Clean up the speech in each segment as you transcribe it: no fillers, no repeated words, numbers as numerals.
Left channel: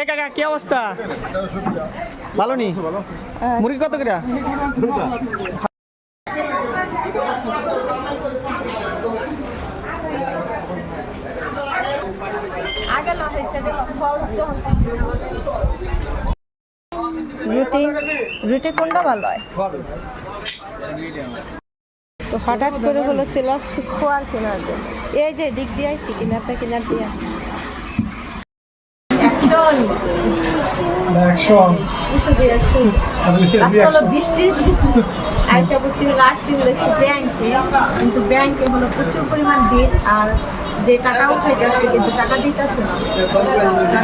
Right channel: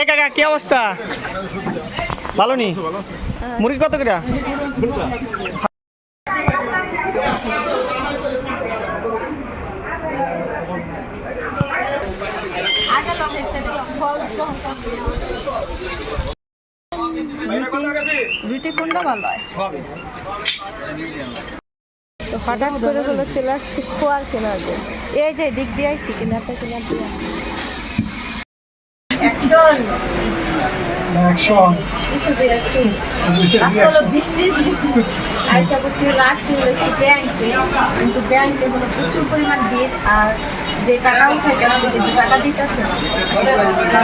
এ কাকা কি অবস্থা? ভালো নি? মুরগি কত করে? রুটি কোনটা ভালো হয়? তো হঠাৎ করে হলো চলে আসছি খোয়ার কেনার জন্য। এই যে দিক দিয়ে আসছি কিনারটা কিনার দিয়ে কিন্তু ব্যাংকে হলো প্রচুর পরিমাণ ভিড় আর যে টাকা উঠাইতেছে কিন্তু টাকা দিতেছে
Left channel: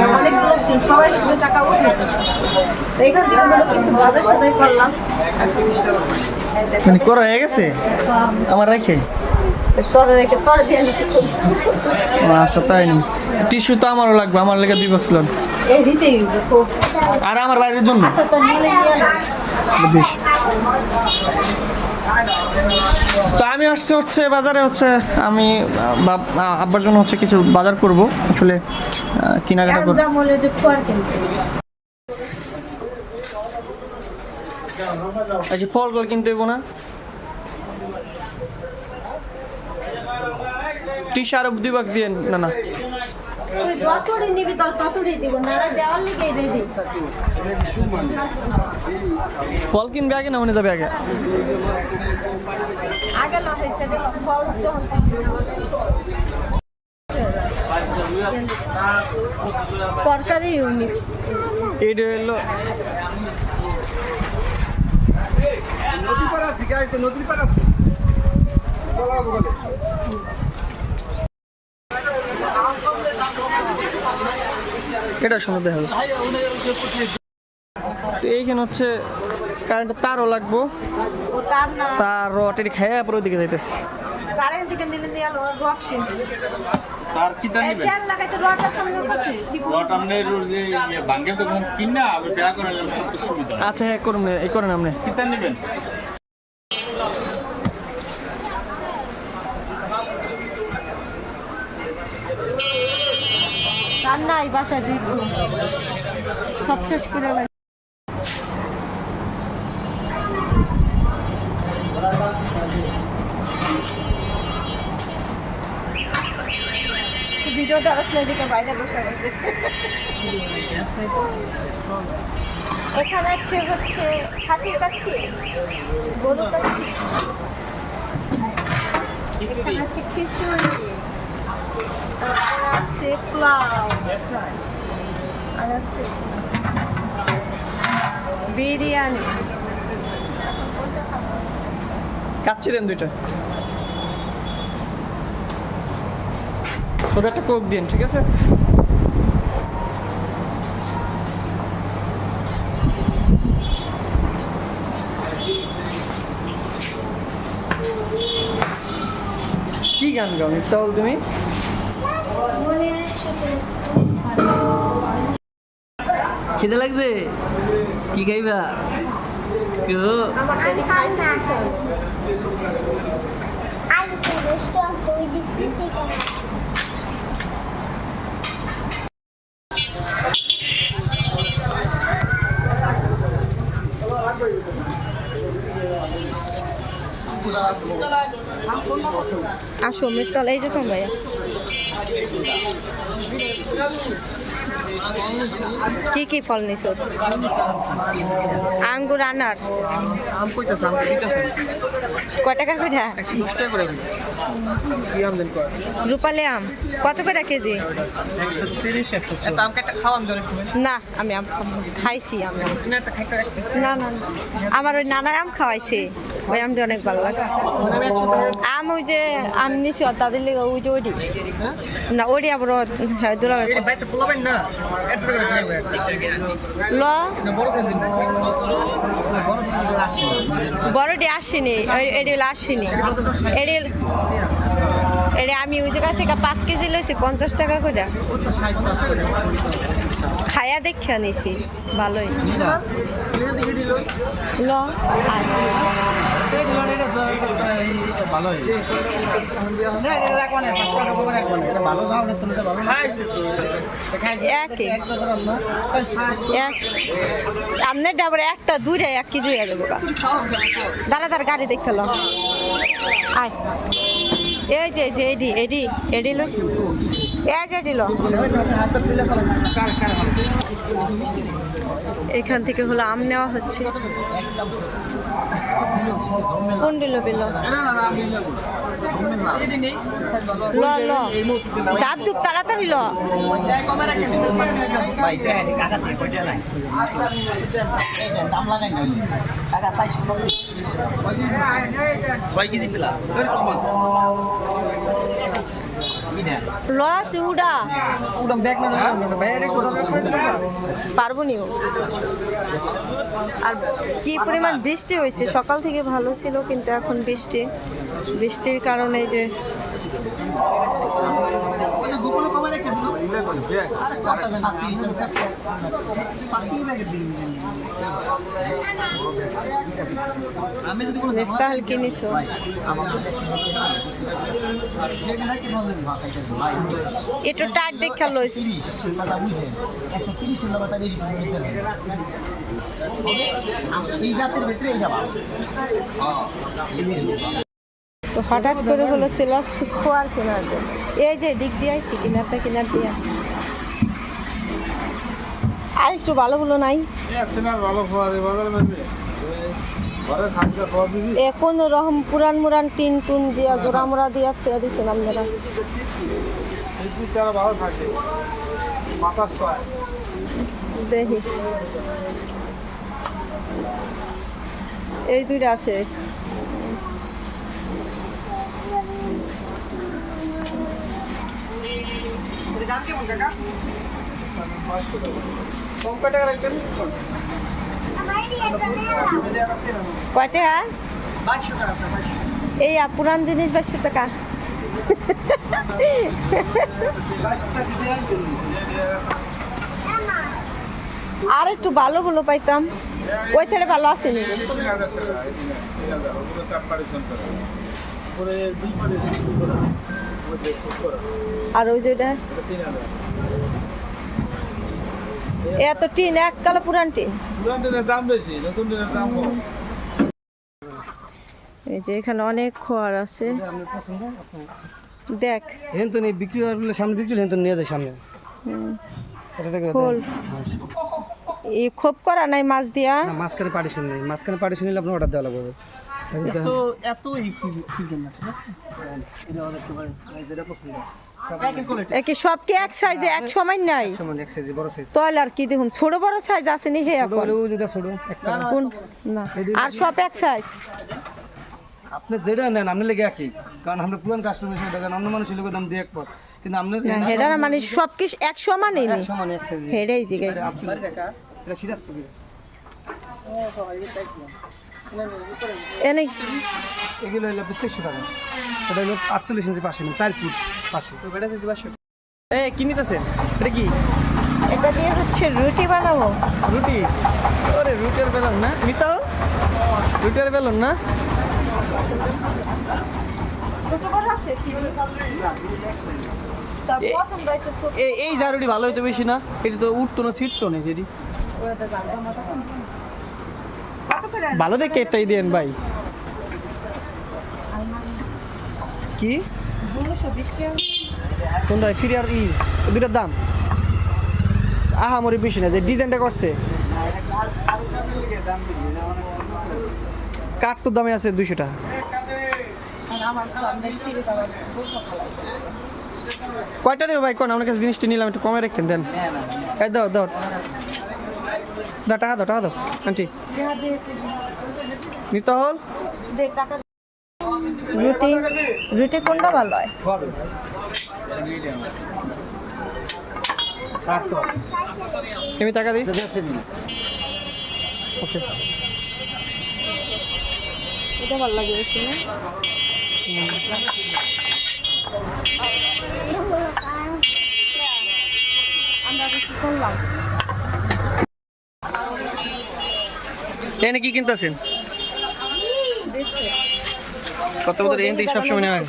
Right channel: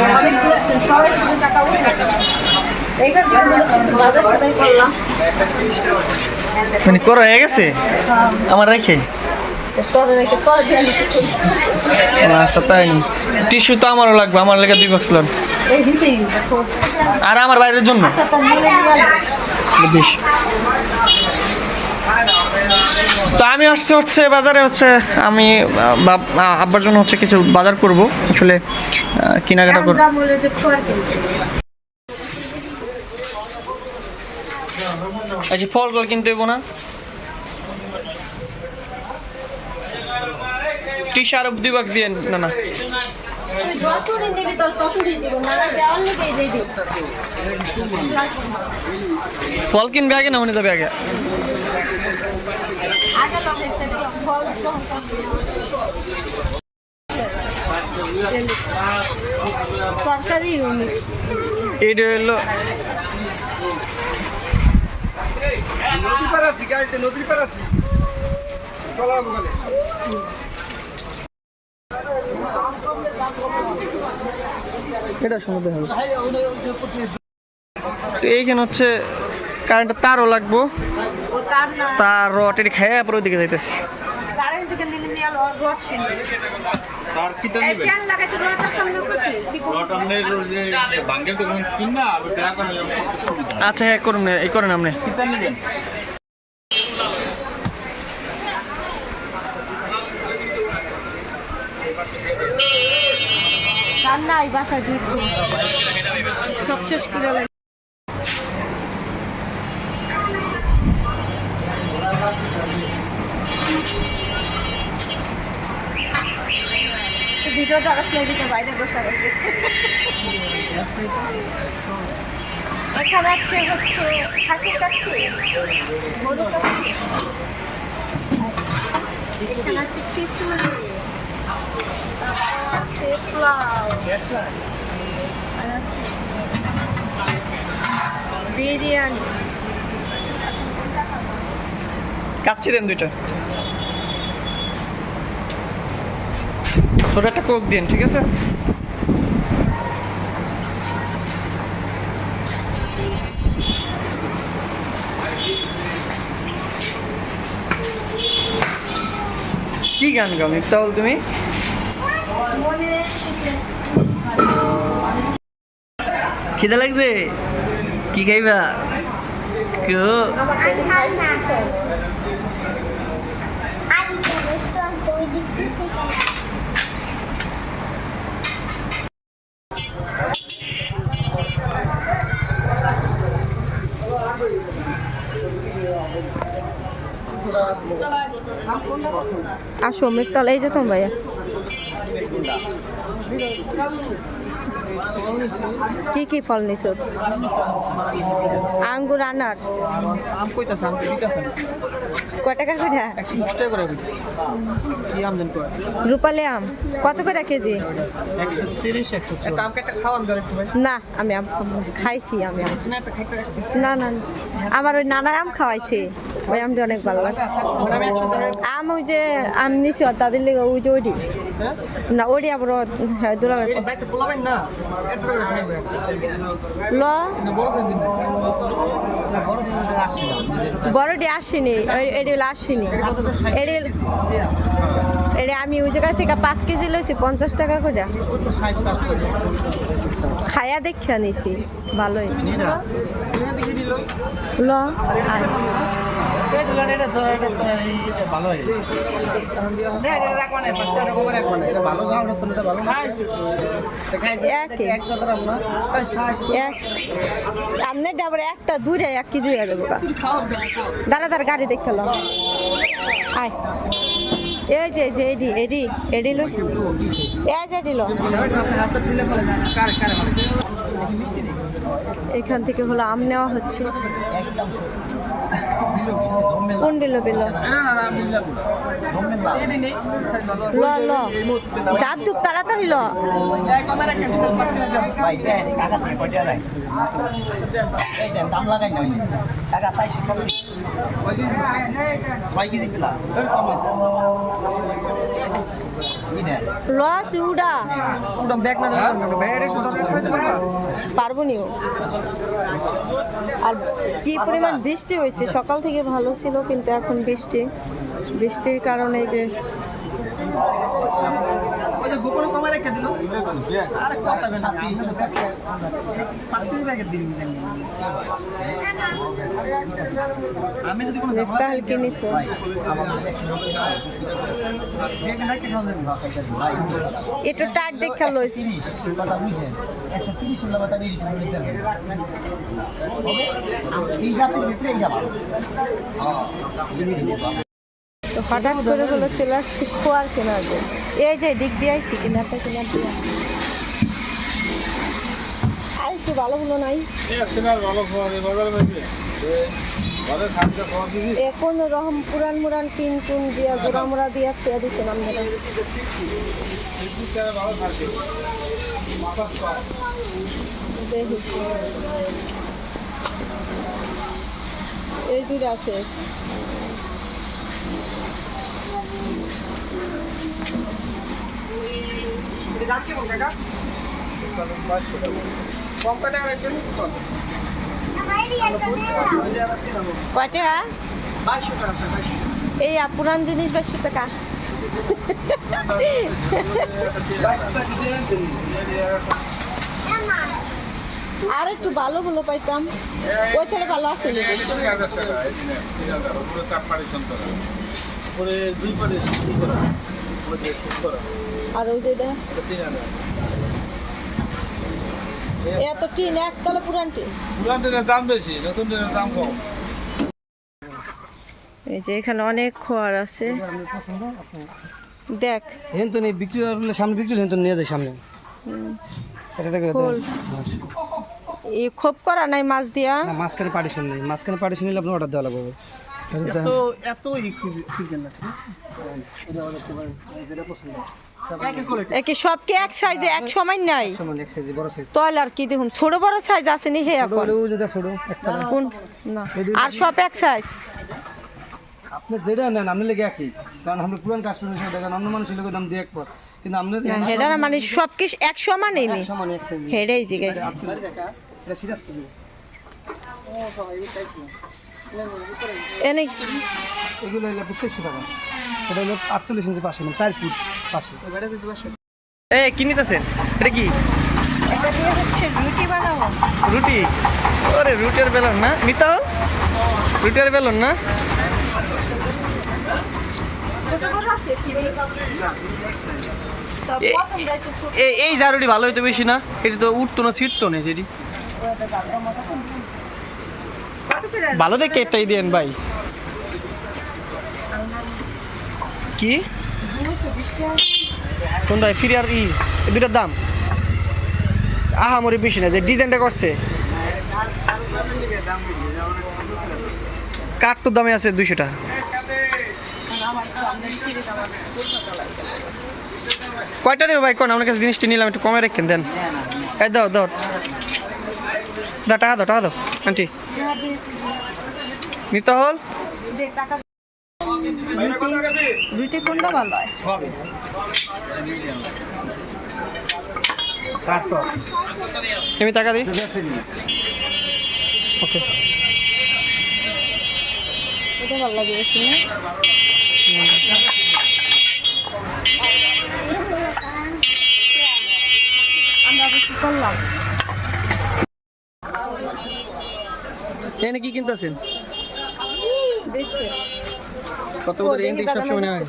না অনেক লোক সবাই শুধু টাকা উঠাইতেছে এইখান থেকে হলো কিছু বাজার সদাই করলাম মানে করা হয়ে গেছে আমার রেখে। আচ্ছা তাই নি, টিস্যু তো আমারও লাগবে, আমার লেগে 2 বক্স লোন আর আমার বাইরের জন্য বেশ। তো আমি হচ্ছে বাজারে আমি আব্বার জন্য কিছু বাজার করব, আসলে কেনাকাটা করব। আচ্ছা ফলগুলো কিনতে দেবো না, টিস্যু আরো 2 বক্স দিয়ে না ফল কিনবে আগে না মনে যাবে আগে? সরকারি এটা হলো এটা শুনে দেখা হবে। তো এইখানে কারেন্টের তারও লাগবো, তার রটের খাইয়া পরে ওইদিকে যাইতেছে। তার কিটা নেবেন? রড আমনের যে ভাঙে তখন কিনা আবার বেয়া করে করতে সুবিধা। আচ্ছা হ্যাঁ করুন, এই করেন আপনি। কিটা নেবেন? নাই বাসা দিব সব শেষ করে ভিডিও দেখাস না, এদিকে বাইরে বসে আছে। এখানে হচ্ছে খাসির কাচ্ছি, গরু কাচ্ছি, এখানে আছে খিচুড়ি, আর আছে বিরিয়ানি। কাচ্চি দেন 2টা, ছোট একটা কোক দিন, ঠিক আছে? কি গান গাও মিফতাহুল তুমি? খিদে লাগছে? কি খাইবা? আসো মিরতলায় যেতাম ভাইয়া। কি কি ফল নিছো? আঙ্গুর, আনার, আম কইতাছ? আম দিতাছ? কয় টাকা করে? 110 টাকা করে দিছি। কি আম দেন কয়? রূপালী আম কত করে কেজি? 130 140। এটা আম কাটা খাওয়ান ধরে একটু ভাই। না আমি আম খাইছি, আমি না একটা খাইতে রাখতেছি। না না আমার ওই নানা আম খাওয়াইছে, ওই আমটা অনেক ভালো লাগছে। আম ওই যে আম নিছি তাদের লেগে ওই যে ওইটি না ওইটি আবার দোলা ল বড়টি আসেনি, এটি আসেনি, এটি আমি ওই জায়গা থেকে 5 কেজি লইছি 50 টাকা করে। খায়া দেখে নিছি ভালোই ল আপনার ডাবরে একটা দুইটা 1 কেজি হয়ে যাবো দাঁড়া দাঁড়া গাড়ি দেখে ল আয় এই যে এডি লস এই যে এডি ল এখান থেকে হলো আম নেওয়া হচ্ছে কোন দিল বিল ল ল দাঁত দুপ তাড়াতাড়ি ল দাম লাগাই না টাকা 6 কেজি প্লাস ল তুই উড়া ব্যাগ না পারবো নিও আর কি পরিমাণ বৃষ্টি হয়েছে সকাল থেকে ভালো ছিল কিন্তু এখন বৃষ্টির কারণে যে গোপনে কমে রেখে দিল আরে কত হবে না 5 কেজি ব্যাগের দিন আমি যদি কোনো নেফটা হালকে নিছো একটু টাইট দেখা লইস 130 কথা বুঝেন 130 এর কথা রেডি করে নিতে হবে এই জাতের ভিতরে এই যাবা তো হঠাৎ করে হলো চলে আসছি খোয়ার কেনার জন্য এই যে দিক দিয়ে আসছি কিনারটা কিনার দিয়ে আর একটু ভালো হলো নাই এখন রকম পুরান মুরান টিন টুন দিয়া জোড়া মোড়া দিয়া খেয়ে দিচ্ছেন আপনারা দেখি এই দুইটা আছে দাম কেমন কাকা কম টাকা রাখবেন কয়টা 2200 টাকা এই পুরান জিনিস 2200 টাকা আর একটু ভালো গুলো পাইতাম ওই ছেড়ে ভালো আছে নি আর ওই যেটা এত টিন এক কালো পুরান টিন দাম বেশি নতুন দাম কম এই যে এখানে অনেক খোয়ার আছে দেখ হেন তো নেই বিক্রি হলে সামনে বিক্রি হেন তো নিয়ে যায় সামনে এটা থেকে খোল এই খোপ করা নাই মাছ দিয়া মাঝখানে পার্টিশন নেই মাঝখানে পার্টিশন নিলে আপনার অর্ডার দেওয়া লাগবে তো এত খুঁজেন না ঠিক আছে এটা অর্ডার করতে পারেন যেটা পছন্দ একে সব কি এক সাইজে এক সমান নাই সমান এক সাইজ বড় সাইজ তাহলে আর কি দেখুন ছোট বড় সাইজ আছে নি হে এখন যেটা ছোট একটা কোন না আর সব এক সাইজ আপনি যেটা নেন আপনি লেগে একই কারণ আমরা পুরান কাস্টমার হিসেবে দেখেন অন্য মানুষের লোকের দাম দিয়ে এক পর কিন্তু আপনার না হেডা না মানে সব কি এক সমানই নি সমান এক সাইজ হেডাই জি গাইস এটা সিরিয়াস তো এনে এগুলো হলো 2500 টাকা এটা হলো 48 ইঞ্চি 500 4 ফুট 500 তো বেটা দিতে 500 এই কি নিতেছেন এটা কি এটা দিয়ে হচ্ছে রুটি বানাবো রুটি ওরে রুটির বেলন না মিতা রুটির বেলন না ছোট বড় আছে কি এই জারুটি ভালো হইতো বেশি না এটা তো উঠতো না ছিটতো না যেটি ভালো দেখে একটাই দেন ভাই কি কোনটা ফিরে আর এই দুটার দাম আহামরি বেশি না যে ডিজাইনটা করছে কাঠটোর দামে আছে 200 টাকা কয়টা দেবে ভাই কোন আমার কাছে জিনিসটা নিলাম একটু কমে রেখেন দেন এই দাও দাও টাকা দাও আন্টি নিতে হল রুটি রুটি কোনটা ভালো হয় আমি টাকা দিই ওকে এটা ভালো লাগে বেশি না আমরা কি করলাম এখানে কি কিনতেছেন? বিস্কুট কত করে এখান থেকে সবসময় নেওয়া হয়?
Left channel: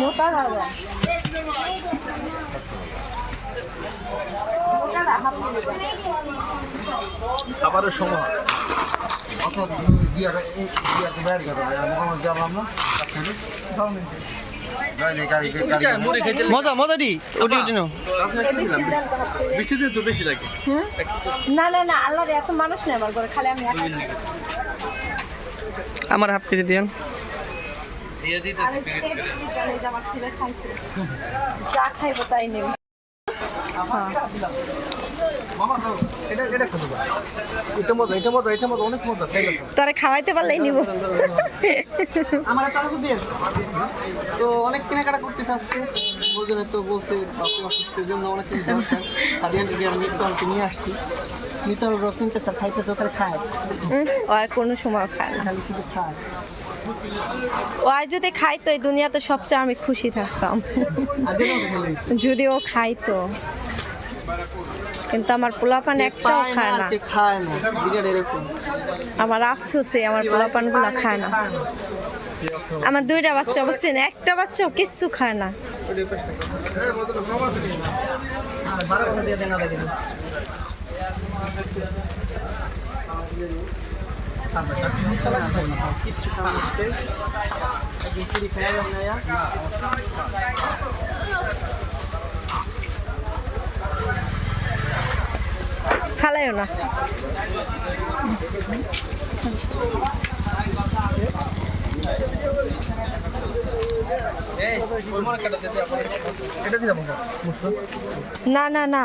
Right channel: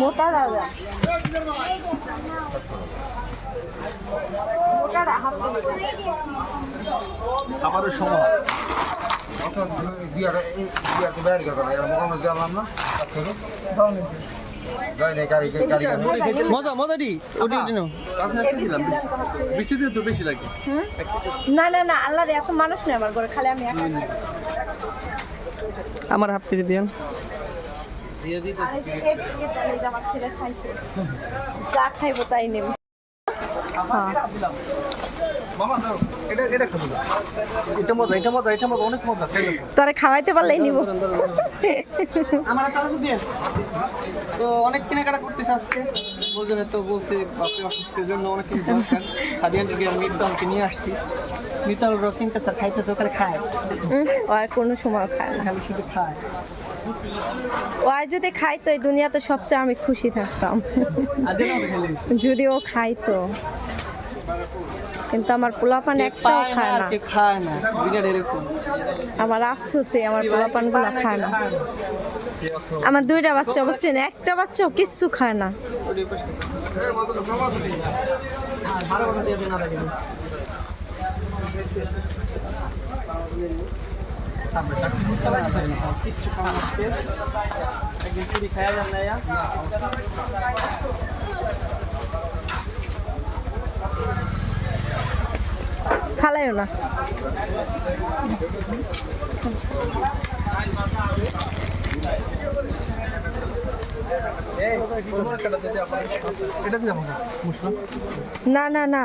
মোটা রাজা খাবারের সময় মজা মজাটি ওটি ওটি নাও। বৃষ্টিতে তো বেশি লাগে। না না না আল্লাহর এত মানুষ নেই আমার ঘরে, খালি আমি একা। আমার হাফ কেজি দিয়েন। দিয়ে দিতে আর এই যে এই যে আমার ছেলে খাইছে, যা খাইবো তাই নেব। তোরে খাওয়াইতে পারলেই নিব। আমার চালু দিয়ে তো অনেক কেনাকাটা করতেছে আজকে, বলছেন তো বলছে বাপে অসুস্থের জন্য অনেক কিছু দরকার। সাদিয়ান দিদি আর মিটকে নিয়ে আসছি, মিতাল কিনতে স্যার খাইতে চোখে খায়, ও আর কোনো সময় খায় না। খালি শুধু খায়। ও আর যদি খাইতো এই দুনিয়াতে সবচেয়ে আমি খুশি থাকতাম, আজকে না খেলে যদি ও খাইতো। কিন্তু আমার পোলাপান একটাও খায় না। খায় না বিরাট এরকম। আমার আফসোসে আমার পোলাপান গুলা খায় না। আমার দুইটা বাচ্চা অবশ্যই না, একটা বাচ্চাও কিচ্ছু খায় না। ভালো করে দিয়ে দেন না দেখেন। কিচ্ছু খাওয়া হচ্ছে একদিন চুরি খাইয়া যান না। ফালাইও না। না না না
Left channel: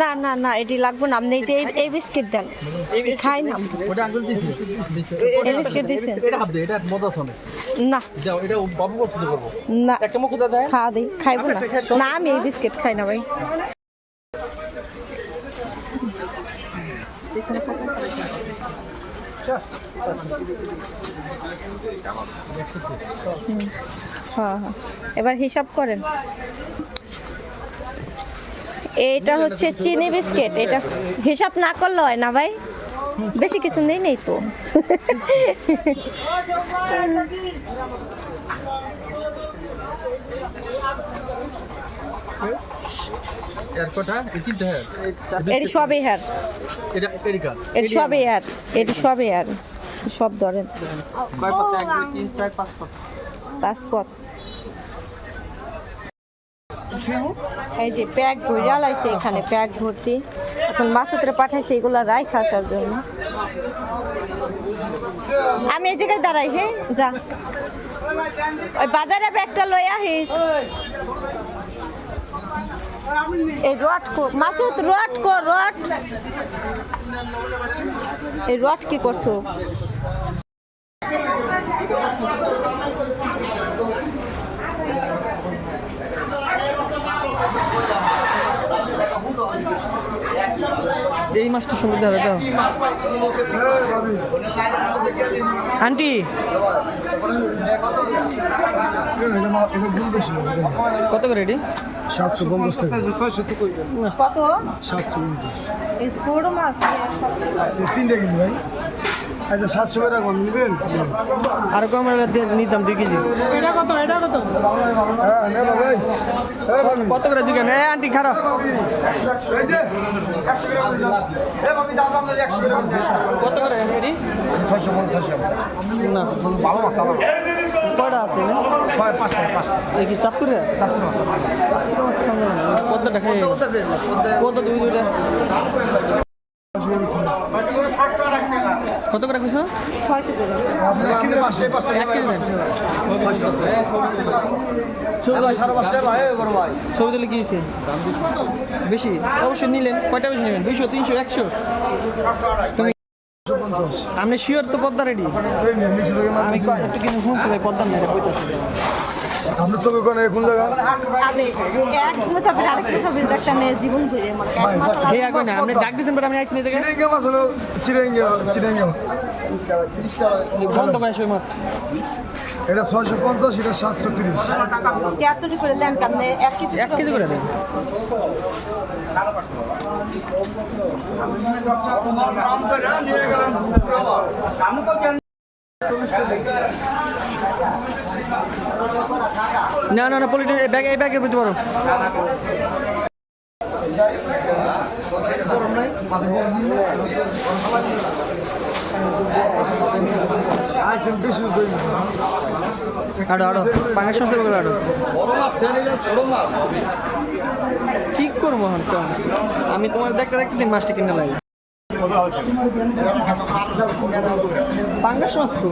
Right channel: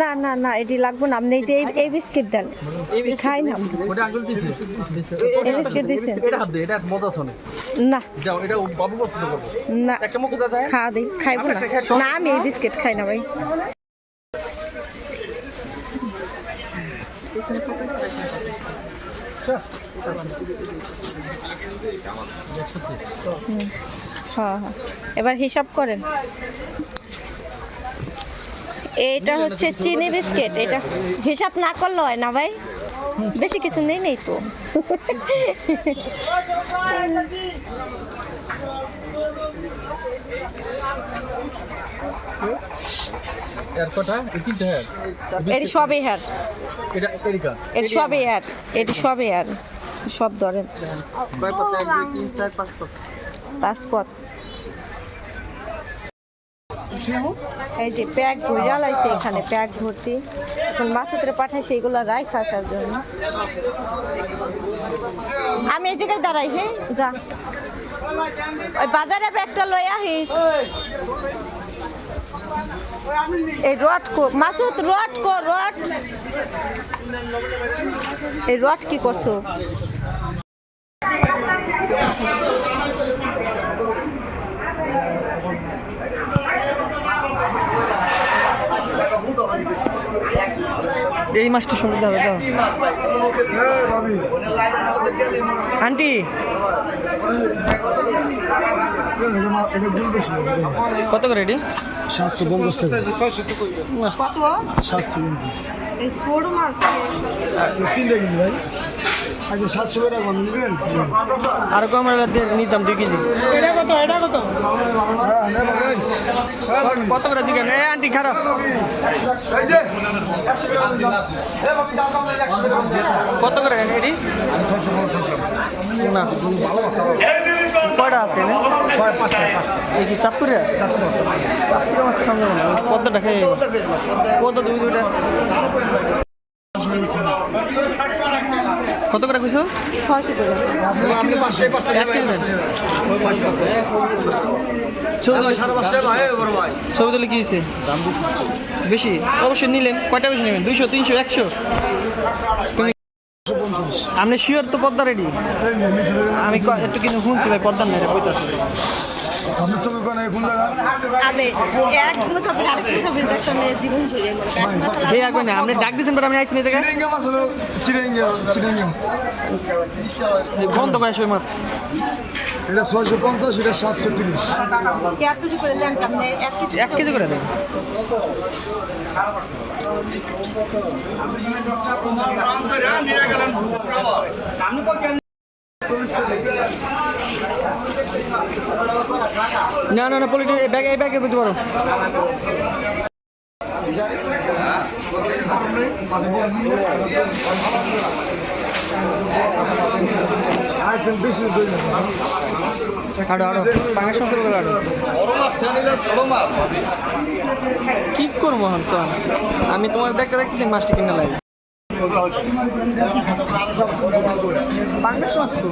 না না না এটি লাগবে না। আপনি এই যে এই বিস্কিট দেন, খাই না। এই বিস্কিট দিছেন না না, খাওয়া দিই, খাইবো না। না আমি এই বিস্কিট খাই না ভাই। হ্যাঁ হ্যাঁ, এবার হিসাব করেন। এইটা হচ্ছে চিনি বিস্কিট, এটা হিসাব না করলে হয় না ভাই, বেশি কিছু নেই নেই তো। এটি সবই হ্যার, এটি সবই হ্যার, এটি সবই হ্যার, সব ধরেন। পাসপোর্ট এই যে প্যাক ভরিয়া লাইছে, এখানে প্যাক ভর্তি। এখন মাসুদরে পাঠাইছে এগুলা রাই খাসার জন্য। আমি এই জায়গায় দাঁড়াই, হ্যাঁ যা ওই বাজারে ব্যাগটা লই আহিস। এই রড কো মাসুদ, রড কো, রড এই রড কি করছো? এই মাছটা সুন্দর দেখা যায়। আন্টি কত করে এটি? 750 টাকা। কত 750 এই ছোট মাছ? তিনটা কিনি ভাই। আচ্ছা 700 করে রাখবেন, নেবেন? আর কম নিতাম 2 কেজি। এটা কত? এটা কত? হ্যাঁ নেব ভাই। কত করে দিবেন? আন্টি খারাপ কত করে এটি? 650 না ভালো মাছ ভালো। কয়টা আছে না? 5টা। এই কি চাঁদপুরে? চাঁদপুরে মাছ খাওয়া যাবে না, পদ্মাটা খেয়ে পদ্মা দুইটা। কত করে কইছো? 600 করে। আপনি 5টা 1 কেজি দেন। ছবি তুলে কি হয়েছে? বেশি অবশ্যই নিলেন। কয়টা বেশি নেবেন? 200, 300, 100? তুমি আপনি শিওর তো পদ্মা রেডি? আমি একটু কিন্তু শুনছি ভাই পদ্মার না, এটা কইতাছে আপনি ছবি কোন কোন জায়গা আরে এক মুসাফির আরেক মুসাফির একটা মেয়ে জীবন ঘুরে মনে হে আগে না আপনি ডাক দিয়েছেন পর আমি আইছি না এই জায়গায় চিরেঙ্গা মাছ হলো চিরেঙ্গা বন্ধ করে সই মাছ এটা 650 এটা 730 কেয়ারটুকু করে লেন আপনি 1 কেজি করে দেন না না না পলিটিন এই ব্যাগে বুঝতে পারো আইসেন 200 কই না আড়ো আড়ো পাঙ্গাস মাছের বলে আড়ো কি করবো এখন তো আমি তোমার দেখতে দেখতে মাছটা কিনে লাগবে পাঙ্গাস মাছ তো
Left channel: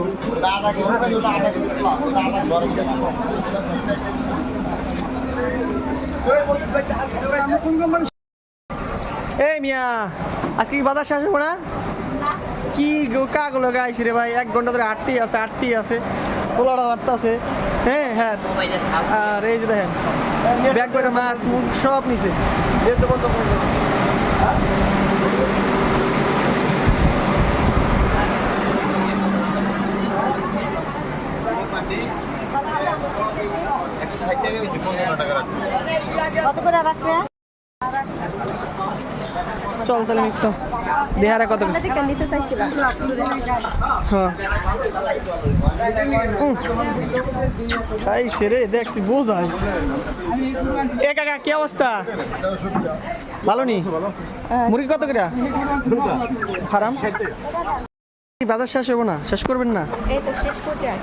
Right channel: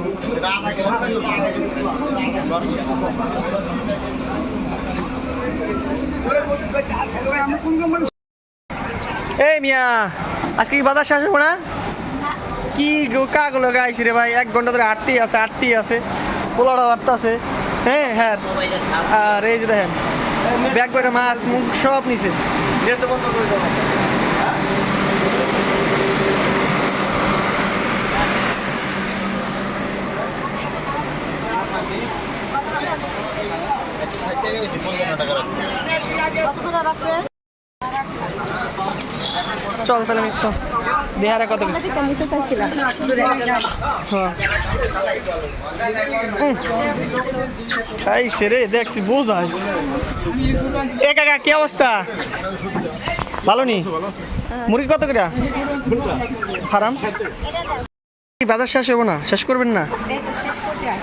এই মিয়া আজকে কি বাজার শেষ হবো না কি কাগুলো গাইছি রে ভাই 1 ঘন্টা ধরে আটতেই আছে পোলাটা আটতে আছে হ্যাঁ হ্যাঁ আর এই যে দেখেন ব্যাগ করে মাছ মুখ সব নিছে গেট তো বন্ধ করে দাও কত করে রাখবে চল তাহলে আমি একটু দেহারে কত আমরা ঠিক নিতে চাইছিলাম হ্যাঁ খাইছে রে দেখছি বোঝায় এ কাকা কি অবস্থা ভালো নি মুরগি কত করে হারাম বাজার শেষ হবো না শেষ করবেন না এই তো শেষ করতে আর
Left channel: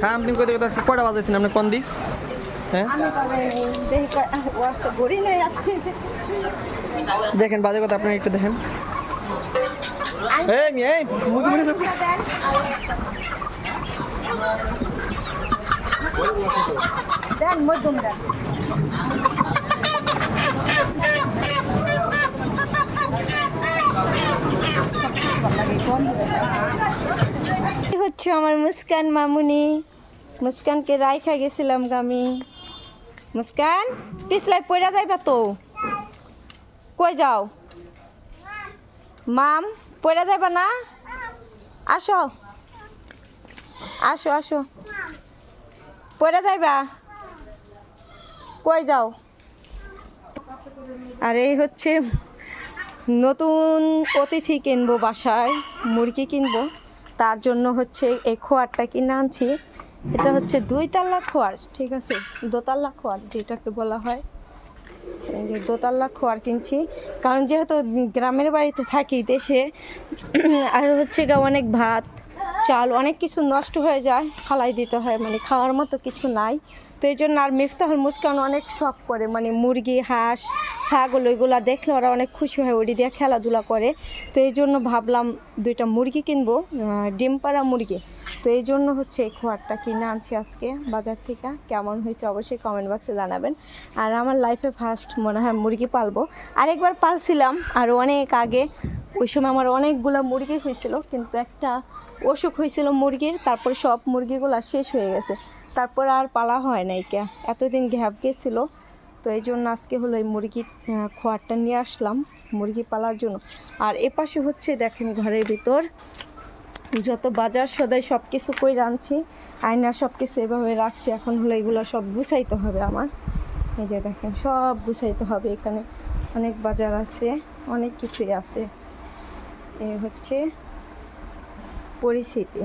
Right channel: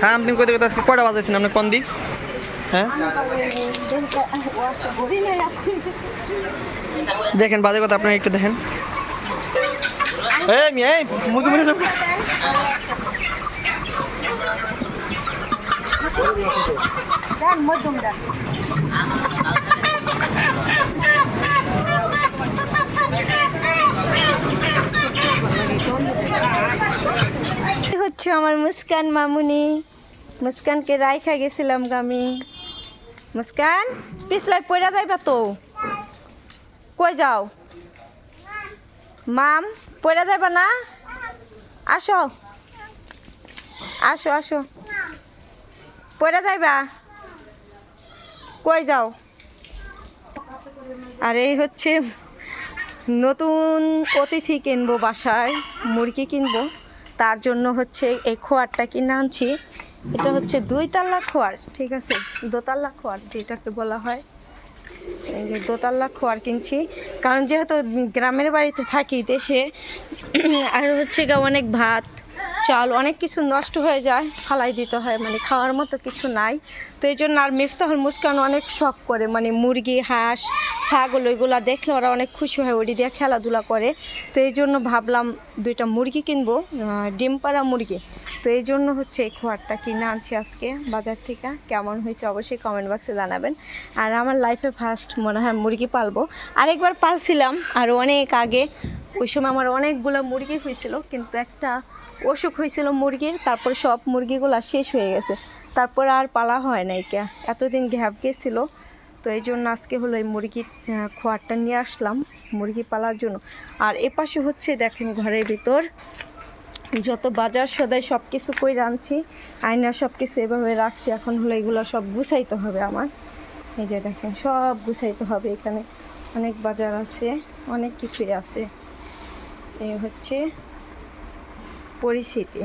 সামথিং কইতে কইতে আজকে কয়টা বাজাইছেন আপনি কোন দিক হ্যাঁ দেখেন বাজে কথা আপনারা একটু দেখেন এই মেয়ে মুরগি মরে যাবে দেন মধ্যম দেন হচ্ছে আমার মুস্কান মামুনি মুস্কানকে রাইখা গেছিলাম আমি মুস্কান পিছলাই পড়া যাইবা তো কই যাও মাম পড়া যাইবা না আসো আসো আসো পড়া যাইবা কই যাও আর এই হচ্ছে নতুন অতিথি কিনবো বাসায় মুরগি কিনবো তার জন্য হচ্ছে এই খোয়ারটা কিনে আনছি এটা হচ্ছে 2 তাল্লা খোয়ার ঠিক আছে দোতাল্লা খোয়ার যেটাকে বলা হয় এই যে দোতাল্লা খোয়ার কিনছি কারণ যেহেতু গ্রামের বাড়িতে থাকি দেশে আর হচ্ছে গা অনেক ভাত চাল অনেক কিছু নষ্ট হয়ে যায় ফালাই দিতে হয় মানে খাওয়ার মতো কিছু নাই তো এই জন্য আর মিফতাহুল মুস্কান অনেক শখ করে মানে মুরগি হাঁস ছাগল ওইগুলো দেখলে ওরা অনেক খুশি হয় ওটি দিয়ে খেলাধুলা করে তো এই জন্য ভাবলাম 2টা মুরগি কিনবো ডিম পাড়া মুরগি তো এই জন্য হচ্ছে এই খোয়ারটা কিনে আনছি আজকে বাজার থেকে কেমন হয়েছে অবশ্যই কমেন্ট বক্সে জানাবেন আর আমার লাইফে ফার্স্ট মনে হয় মুরগি পালবো আরেকবার পালছিলাম আর অনেক আগে ওই সময় আমার অনেকগুলো মুরগি হয়েছিল কিন্তু একটা অসুখ হয়েছিল মুরগির তারপর সব মুরগিগুলো শেষ হয়ে গেছে তারপর আর পালা হয় নাই কে এতদিন গ্যাপ গেছিলো তো এই জন্য আজকে হলো এই মুরগির খোয়ারটা নিয়ে আসলাম মুরগি পালার জন্য আর এপাশে হচ্ছে দেখেন ঘরের ভিতর যত বাজার সদাই সব কিছু কই রাঁধছি আয়না সব কিছু এভাবে রাখছি এখন হলো এগুলো সব গুছাইতে হবে আমার এই যে দেখেন সব গুছাইতে হবে এখানে অনেক বাজার আছে অনেক কিছুই আছে এই হচ্ছে পরিস্থিতি